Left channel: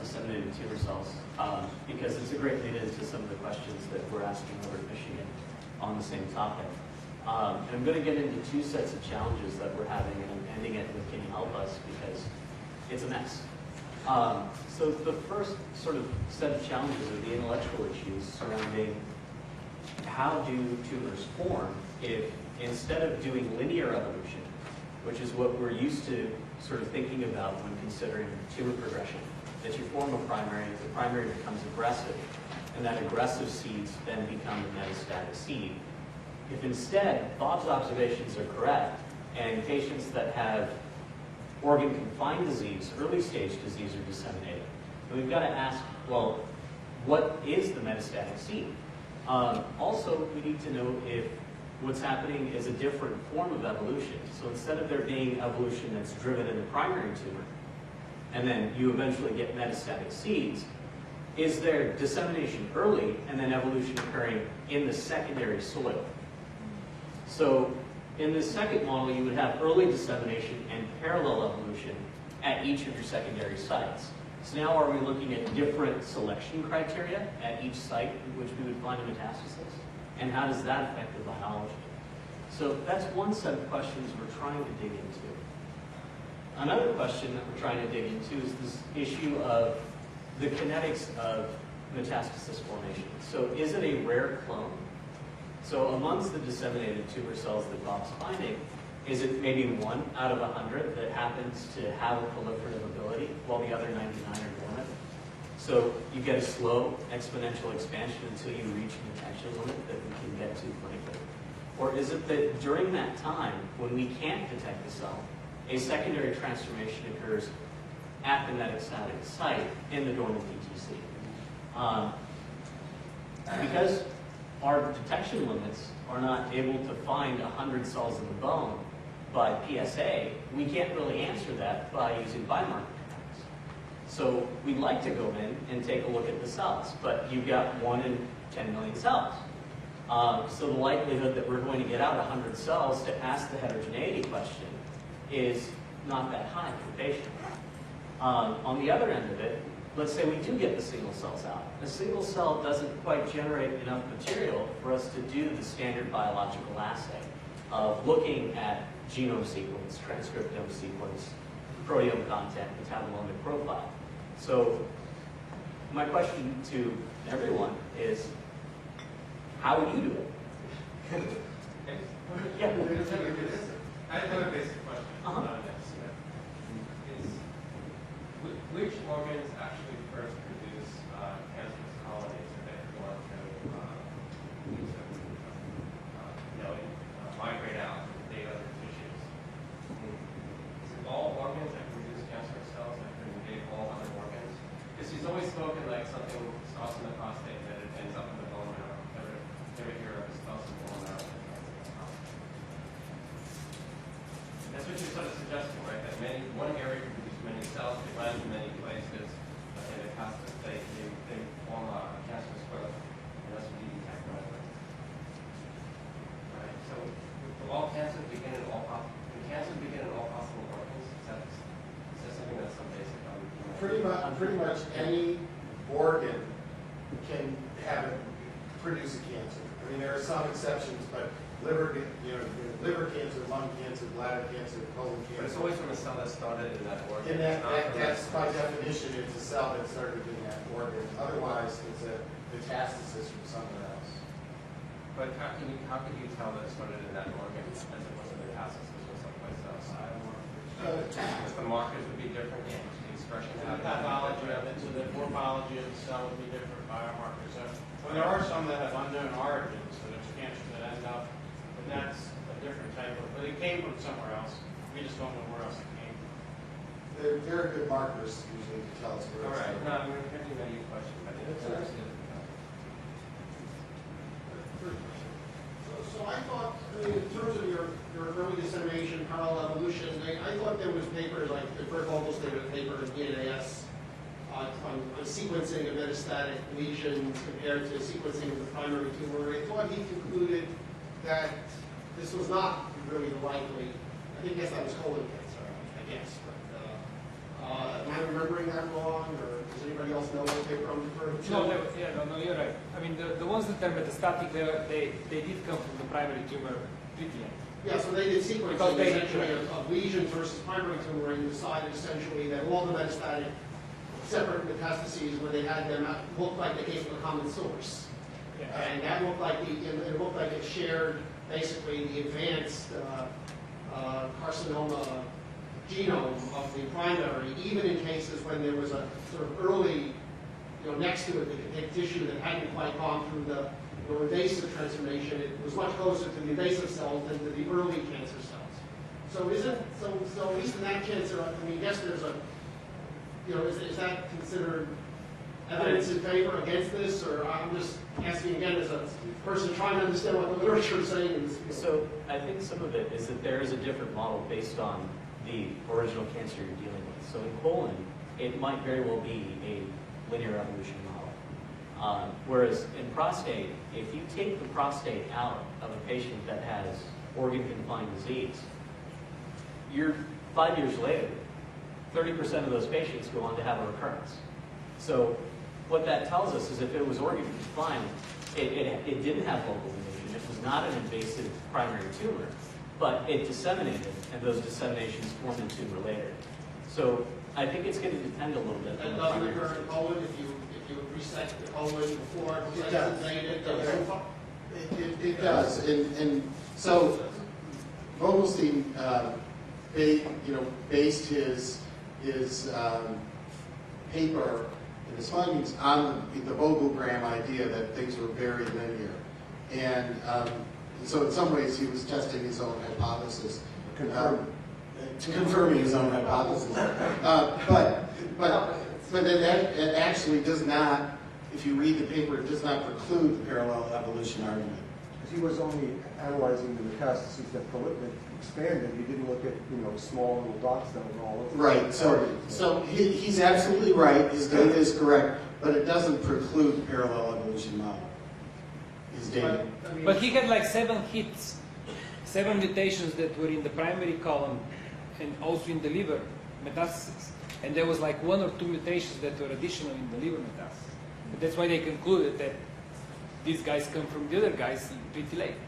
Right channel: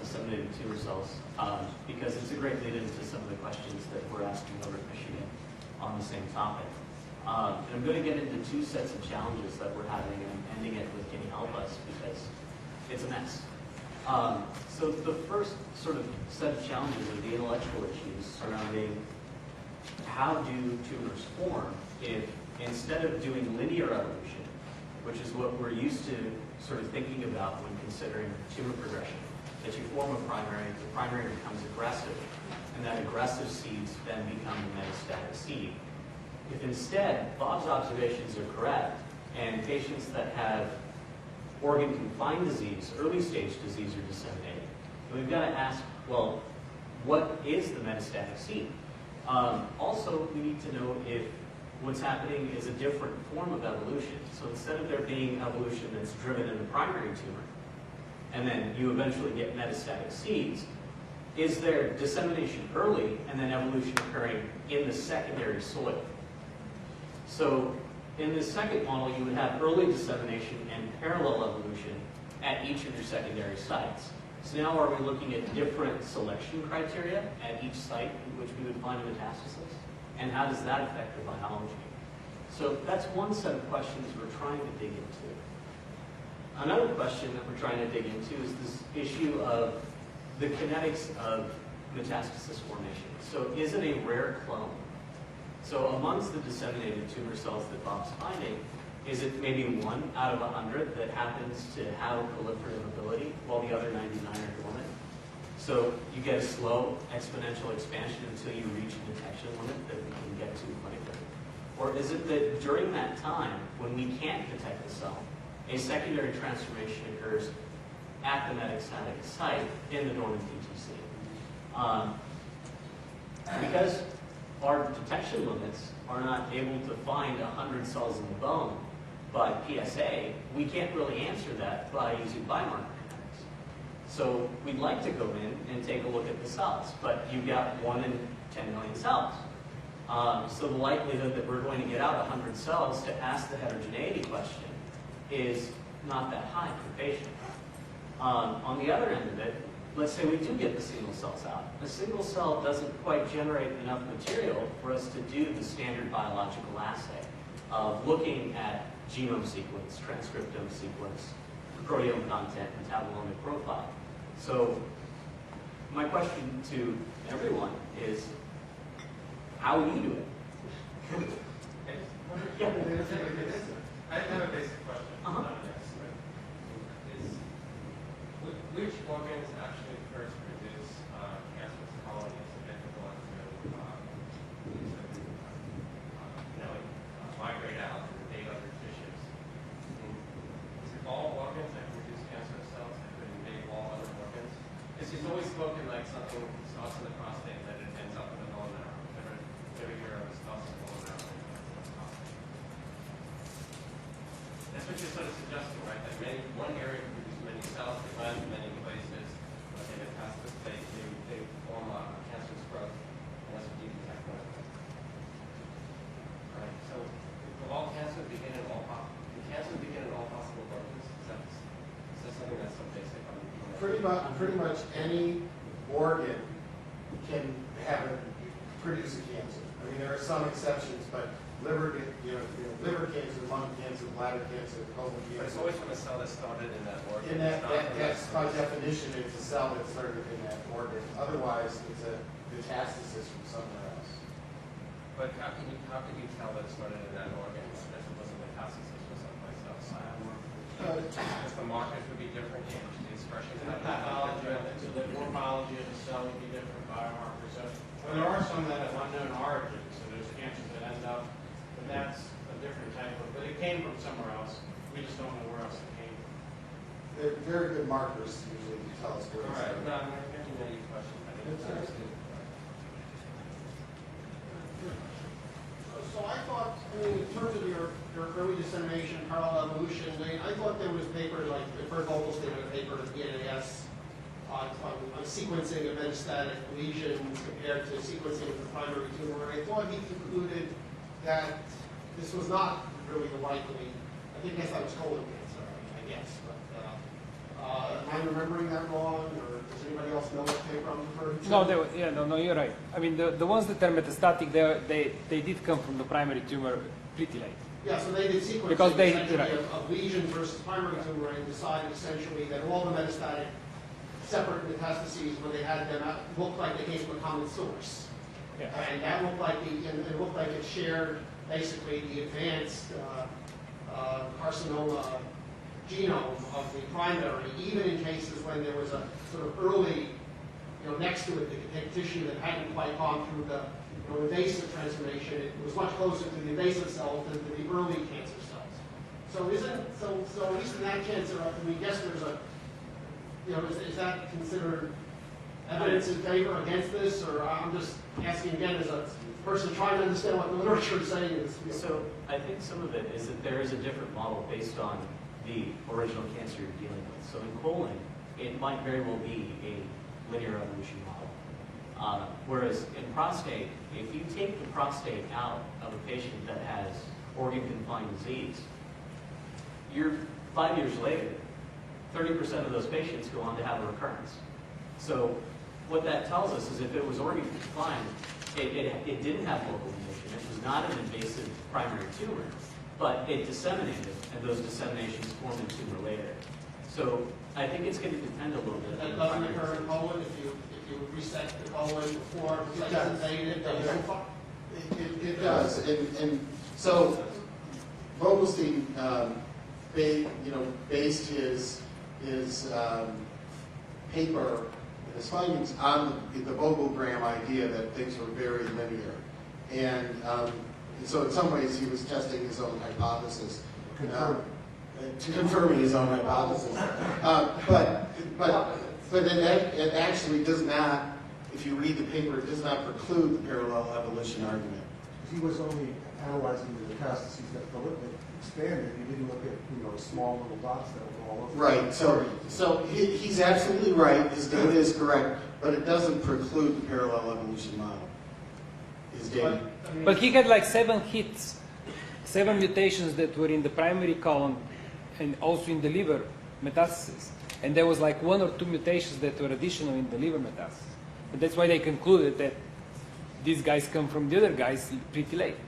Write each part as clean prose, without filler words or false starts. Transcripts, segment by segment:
disseminated tumor cells because it's a great lead into some of the questions that we're asking over at Michigan on the same topic. And I'm going to get into two sets of challenges that we're having, and I'm ending it with "Can you help us?" because it's a mess. So the first sort of set of challenges are the intellectual issues surrounding how do tumors form if instead of doing linear evolution, which is what we're used to sort of thinking about when considering tumor progression, that you form a primary, the primary becomes aggressive, and that aggressive seeds then become the metastatic seed. If instead Bob's observations are correct, and patients that have organ-confined disease, early-stage disease, are disseminating, then we've got to ask, well, what is the metastatic seed? Also, we need to know if what's happening is a different form of evolution. So instead of there being evolution that's driven in the primary tumor, and then you eventually get metastatic seeds, is there dissemination early and then evolution occurring in the secondary soil? So in this second model, you would have early dissemination and parallel evolution at each of your secondary sites. So now are we looking at different selection criteria at each site in which we would find a metastasis? And how does that affect the biology? So that's one set of questions we're trying to dig into. Another question that we're trying to dig into is this issue of the kinetics of metastasis formation. So is it a rare clone? So amongst the disseminated tumor cells that Bob's finding, is it maybe 1 out of 100 that happens to have a proliferative ability while the other 99 are dormant? So you get a slow exponential expansion until you reach a detection limit that we can get to clinically. Or is it that during that time, when we can't detect the cell, a secondary transformation occurs at the metastatic site in the dormant PTC? Because our detection limits are not able to find 100 cells in the bone by PSA, we can't really answer that by using biomarker kinetics. So we'd like to go in and take a look at the cells, but you've got 1 in 10 million cells. So the likelihood that we're going to get out 100 cells to ask the heterogeneity question is not that high for the patient. On the other end of it, let's say we do get the single cells out. A single cell doesn't quite generate enough material for us to do the standard biological assay of looking at genome sequence, transcriptome sequence, proteome content, metabolomic profile. So my question to everyone is, how will you do it? Yeah. I have a basic question. Which organs actually first produce cancerous colonies that they go on to migrate out and invade other tissues? Is it all organs that can produce cancerous cells that can invade all other organs? Because he's always spoken like something starts in the prostate and then it ends up in the bone marrow. Never hear of it starts in the bone marrow. That's what you're sort of suggesting, right? That one area can produce many cells, they land in many places, they metastasize, they form a cancerous growth, unless we detect clinically. Right? So, will all cancer begin in all possible organs? Is that something that's so basic on? Pretty much any organ can produce a cancer. I mean, there are some exceptions, but liver cancer, lung cancer, bladder cancer, colon cancer. But it's always from a cell that started in that organ. And that's by definition, it's a cell that started in that organ. Otherwise, it's a metastasis from somewhere else. But how can you tell that it started in that organ as it was a metastasis from someplace else? Because the markers would be different, the expression. The pathology of it, so the morphology of the cell would be different, biomarkers. So, well, there are some that have unknown origins, so there's cancers that end up, but that's a different type of, but it came from somewhere else. We just don't know where else it came from. They're very good markers usually to tell us where it's All right. from. No, I'm getting to your question. I think it's understood. So I thought, in terms of your early dissemination, parallel evolution, I thought there was papers, like the Bert Vogel statement paper at PNAS on sequencing of metastatic lesions compared to sequencing of the primary tumor. And I thought he concluded that this was not really the likely, I think that was colon cancer, I guess. But am I remembering that wrong, or does anybody else know what paper I'm referring to? No, you're right. I mean, the ones that are metastatic, they did come from the primary tumor treatment. Yeah, so they did sequencing Because they- essentially of lesion versus primary tumor and decided essentially that all the metastatic separate metastases, when they had them out, looked like they came from a common source. And that looked like it looked like it shared basically the advanced carcinoma genome of the primary, even in cases when there was a sort of early, next to it, the tissue that hadn't quite gone through the invasive transformation. It was much closer to the invasive cells than to the early cancer cells. So at least in that cancer, I mean, yes, there's a, is that considered evidence in favor against this, or I'm just asking again as a person trying to understand what the literature is saying in this field. So I think some of it is that there is a different model based on the original cancer you're dealing with. So in colon, it might very well be a linear evolution model. Whereas in prostate, if you take the prostate out of a patient that has organ-confined disease, you're 5 years later, 30% of those patients go on to have a recurrence. So what that tells us is if it was organ-confined, it didn't have local invasion. It was not an invasive primary tumor, but it disseminated, and those disseminations formed a tumor later. So I think it's going to depend a little bit. That on the doesn't primary occur in disease. colon if you resect the colon before It does. it does. It does, and so Vogelstein, based his paper and his findings on the Vogelgram idea that things were very linear, and so in some ways he was testing his own hypothesis, confirming his own hypothesis, but it actually does not. If you read the paper, it does not preclude the parallel evolution argument. Because he was only analyzing the metastases that expanded. He didn't look at small little dots that were all over. Right. So he's absolutely right. His data is correct, but it doesn't preclude the parallel evolution model. His data. But he had like 7 hits, 7 mutations that were in the primary column and also in the liver metastasis. And there was like 1 or 2 mutations that were additional in the liver metastasis. And that's why they concluded that these guys come from the other guys pretty late.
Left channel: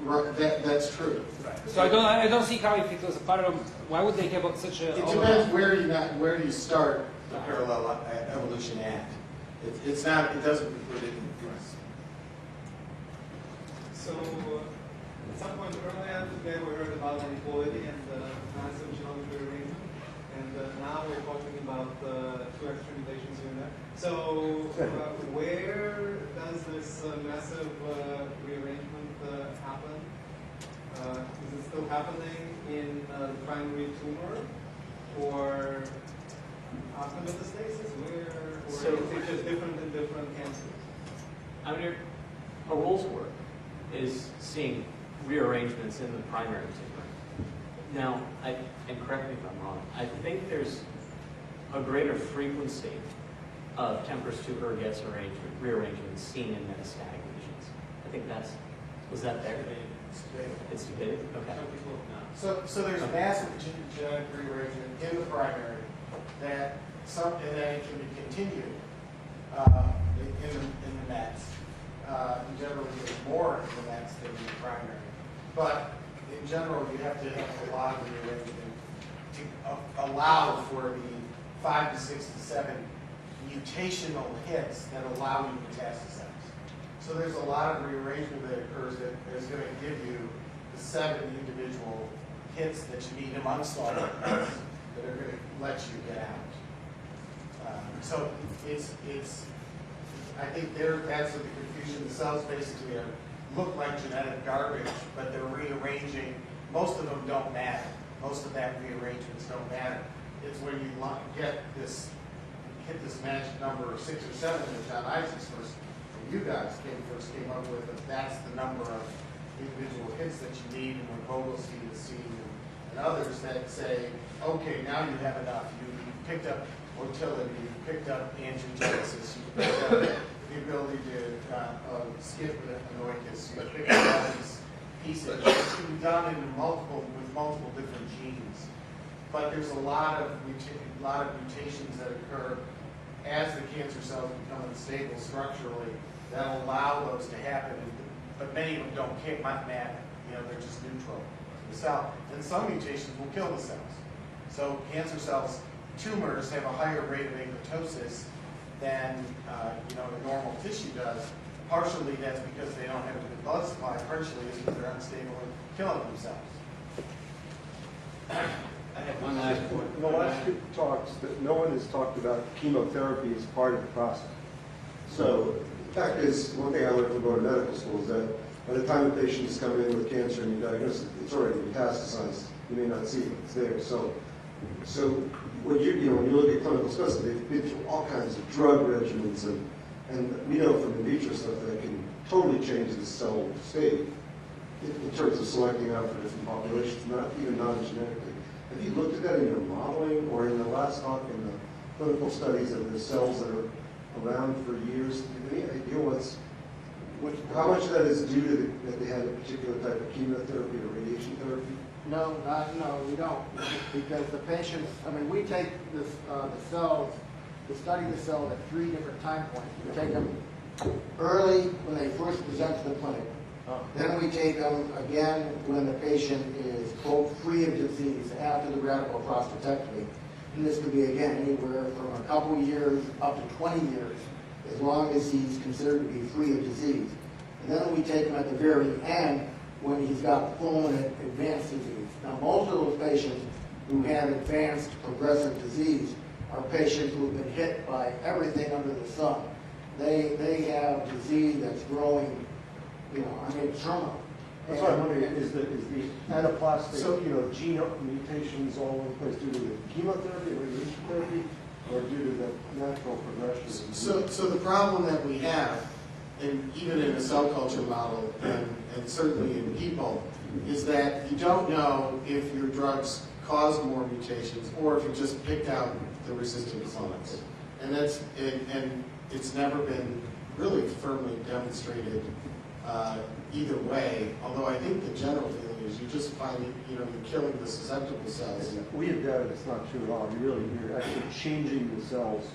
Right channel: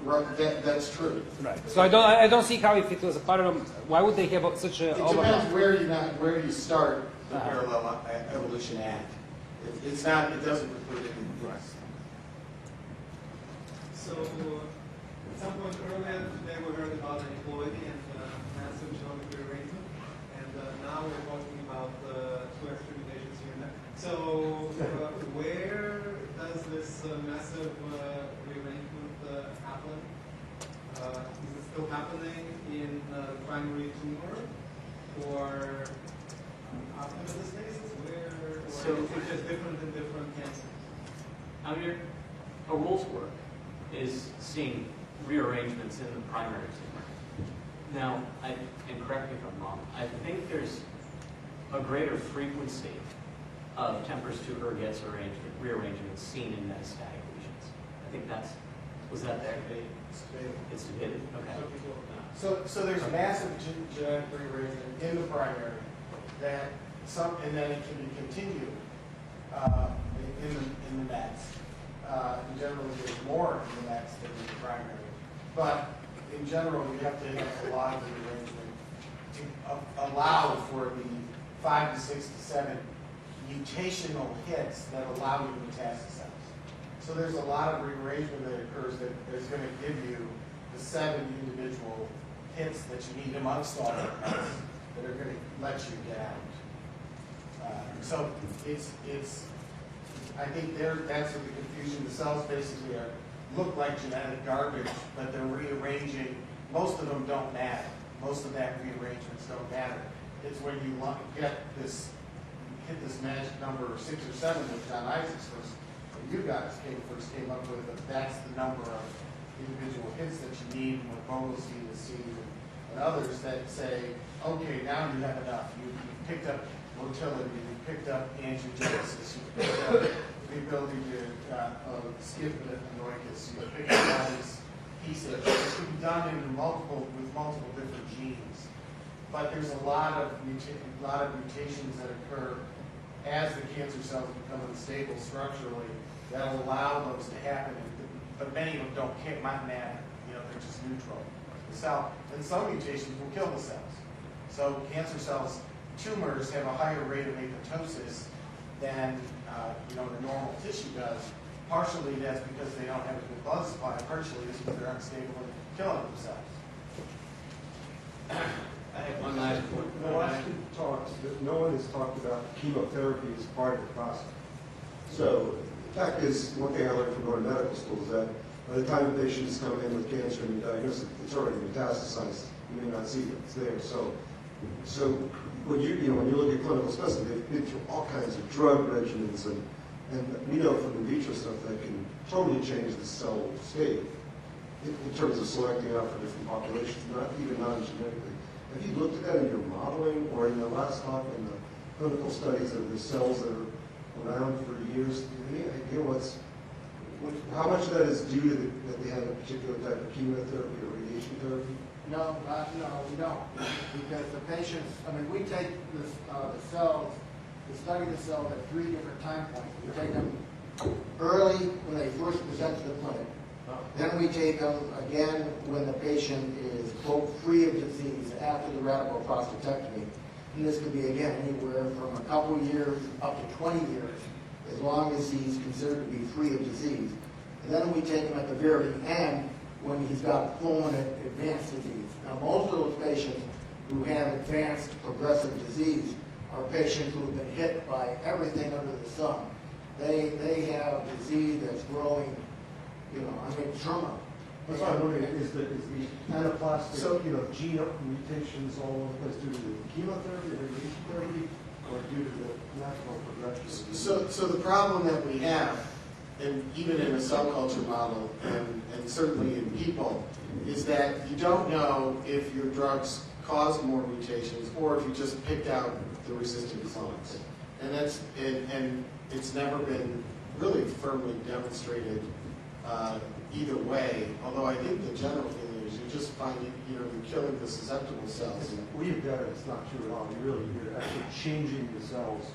Right, that's true. So I don't see how it was part of, why would they give up such a... It depends where you start the parallel evolution at. It's not. It doesn't preclude it. So, at some point earlier today we heard about inequality and massive genomic rearrangement, and now we're talking about 2 extra mutations here and there. So, where does this massive rearrangement happen? Is it still happening in the primary tumor, or after metastasis? Or is it just different in different cancers? I mean, Harol's work is seeing rearrangements in the primary tumor. Now, and correct me if I'm wrong, I think there's a greater frequency of Tempers to Ergetz rearrangements seen in metastatic lesions. I think was that there? It's debated? Okay. So there's massive genetic rearrangement in the primary and then it can be continued in the mets. In general, there's more in the mets than in the primary. But in general, you have to have a lot of rearrangement to allow for the 5 to 6 to 7 mutational hits that allow you to metastasize. So there's a lot of rearrangement that occurs that is going to give you the 7 individual hits that you need amongst all the hits that are going to let you get out. So I think that's the confusion. The cells basically look like genetic garbage, but they're rearranging. Most of them don't matter. Most of that rearrangements don't matter. It's when you hit this magic number of 6 or 7 that John Isaacs you guys first came up with. That's the number of individual hits that you need, and what Vogelstein has seen and others that say, okay, now you have enough. You picked up motility, you picked up angiogenesis, you picked up the ability to skip with anoicus, you picked up all these pieces. It can be done with multiple different genes. but there's a lot of mutations that occur as the cancer cells become unstable structurally that allow those to happen. But many of them don't matter. You know, they're just neutral to the cell. And some mutations will kill the cells. So cancer cells, tumors have a higher rate of apoptosis than the normal tissue does. Partially that's because they don't have a good blood supply. Partially it's because they're unstable and killing themselves. I have one last point. In the last two talks, that no one has talked about chemotherapy as part of the process. So the fact is, one thing I learned from going to medical school is that by the time the patients come in with cancer and you diagnose it, it's already metastasized. You may not see it, it's there. So when you look at clinical specimens, they've been through all kinds of drug regimens, and we know from in vitro stuff that can totally change the cell state in terms of selecting out for different populations, not even non-genetically. Have you looked at that in your modeling or in the last talk in the clinical studies of the cells that are around for years? Do you have any idea how much of that is due to that they have a particular type of chemotherapy or radiation therapy? No, we don't. Because the patients, we take the cells, to study the cells at 3 different time points. We take them early when they first present to the clinic. Then we take them again when the patient is, quote, free of disease after the radical prostatectomy. And this could be, again, anywhere from a couple years up to 20 years, as long as he's considered to be free of disease. And then we take him at the very end when he's got full and advanced disease. Now, most of those patients who have advanced progressive disease are patients who have been hit by everything under the sun. They have disease that's growing, terminal. That's what I'm wondering, is the anaplastic, gene mutations all over the place due to the chemotherapy, radiation therapy, or due to the natural progression? So the problem that we have, and even in a cell culture model, and certainly in people, is that you don't know if your drugs cause more mutations or if you just picked out the resistant clones. And it's never been really firmly demonstrated either way, although I think the general feeling is you just find you're killing the susceptible cells. We have data that's not true at all. You're actually changing the cells,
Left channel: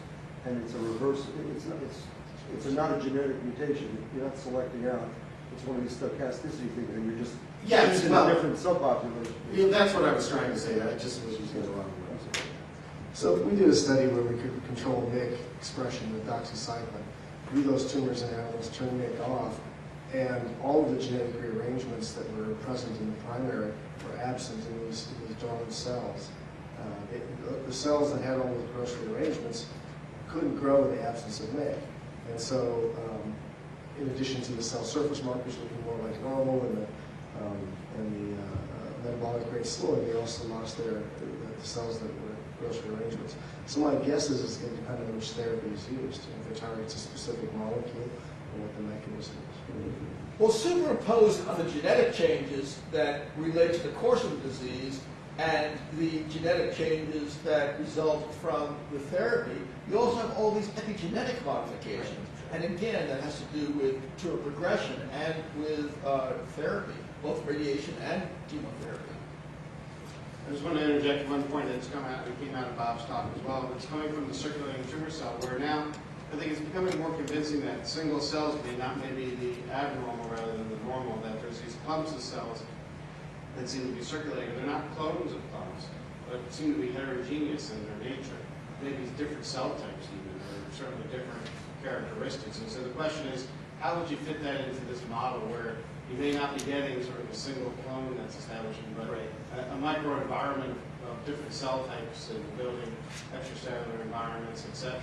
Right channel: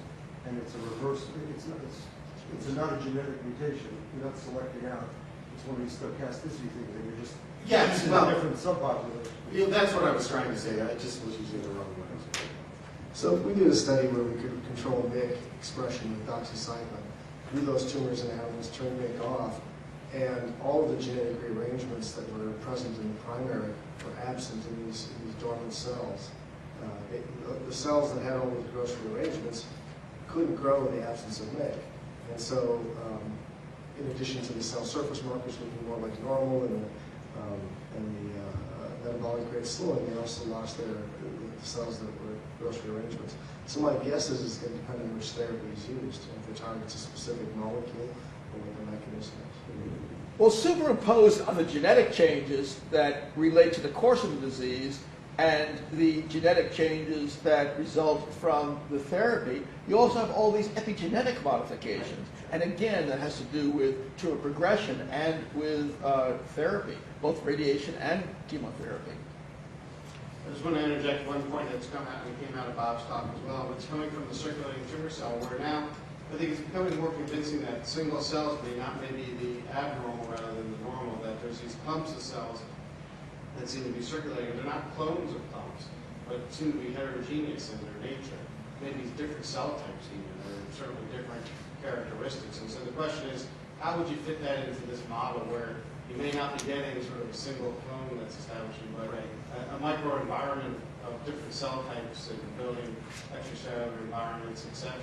and it's a reverse. It's not a genetic mutation. You're not selecting out. It's one of these stochasticity things, and you're just changing a different subpopulation. That's what I was trying to say. I just was using the wrong word. So we did a study where we could control MYC expression with doxycycline. Grew those tumors in animals, turned MYC off, and all of the genetic rearrangements that were present in the primary were absent in these dormant cells. The cells that had all these gross rearrangements couldn't grow in the absence of MYC. And so, in addition to the cell surface markers looking more like normal and the metabolic rate slowing, they also lost the cells that were gross rearrangements. So my guess is it's going to depend on which therapy is used, if it targets a specific molecule or what the mechanism is. Well, superimposed on the genetic changes that relate to the course of the disease and the genetic changes that result from the therapy, you also have all these epigenetic modifications. And again, that has to do with tumor progression and with therapy, both radiation and chemotherapy. I just want to interject one point that's came out of Bob's talk as well. It's coming from the circulating tumor cell, where now I think it's becoming more convincing that single cells may not maybe the abnormal rather than the normal, that there's these clumps of cells that seem to be circulating. They're not clones of clumps, but seem to be heterogeneous in their nature. Maybe different cell types even, or certainly different characteristics. And so the question is, how would you fit that into this model where you may not be getting sort of a single clone that's establishing, but a microenvironment of different cell types and building extracellular environments, etc.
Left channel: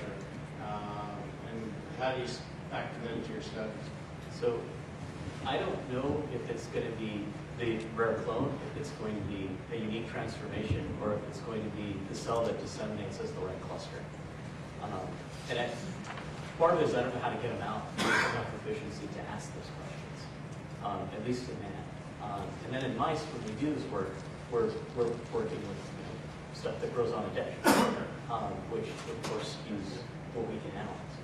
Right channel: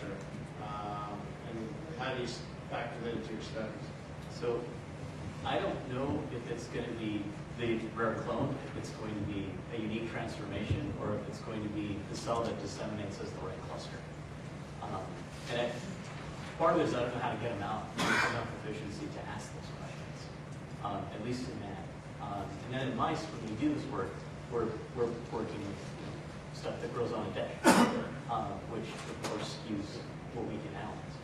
And how do you factor that into your studies? So I don't know if it's going to be the rare clone, if it's going to be a unique transformation, or if it's going to be the cell that disseminates as the right cluster. Part of it is I don't know how to get them out with enough efficiency to ask those questions, at least in man. And then in mice, when we do this work, we're working with stuff that grows on a dish, which of course skews what we can analyze.